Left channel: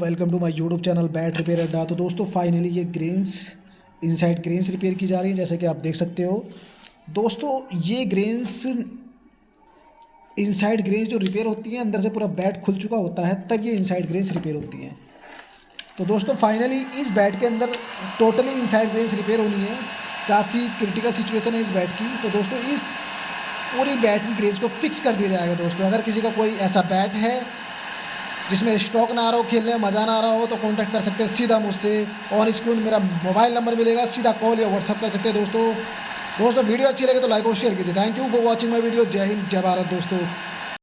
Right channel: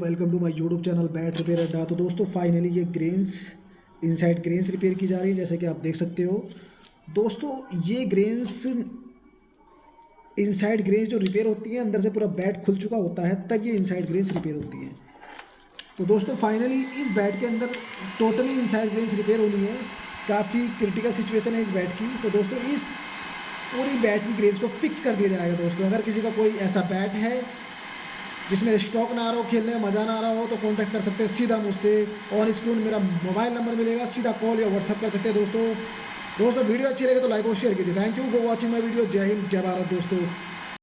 Welcome to my YouTube channel bat repair Adda. तो दोस्तों finally ये ग्रेन्स इनसाइड ग्रेन्स रिपेयर की जा रही है, जैसे कि आप देख सकते हो। दोस्तों ये ग्रेन्स इनसाइड ग्रेन्स जो रिपेयर होती हैं, अंदर से पूरा बैट खुल चुका होता है तब ये इनसाइड ग्रेन्स रिपेयर होती हैं। तो दोस्तों फाइनली इस बैट के अंदर टोटली इनसाइड ग्रेन्स रिपेयर होनी है। काफ़ी क्रिटिकल सिचुएशन है इस बैट की। तो दोस्तों इस पूरी बैट की ग्रेन्स को फिक्स कर दिया जाएगा। दोस्तों अगर किसी का कोई ऐसा बैट है जिसमें स्टॉक ना आ रहा हो, खेलने में मज़ा ना आ रहा हो, तो कांटेक्ट कर सकते हैं सीधा मुझसे। ऑन स्क्रीन मेरा मोबाइल नंबर मिलेगा, सीधा कॉल या व्हाट्सअप कर सकते हैं। दोस्तों वीडियो अच्छी लगे तो लाइक और शेयर कीजिए। Thank you for watching my video. जय हिंद, जय भारत दोस्तों।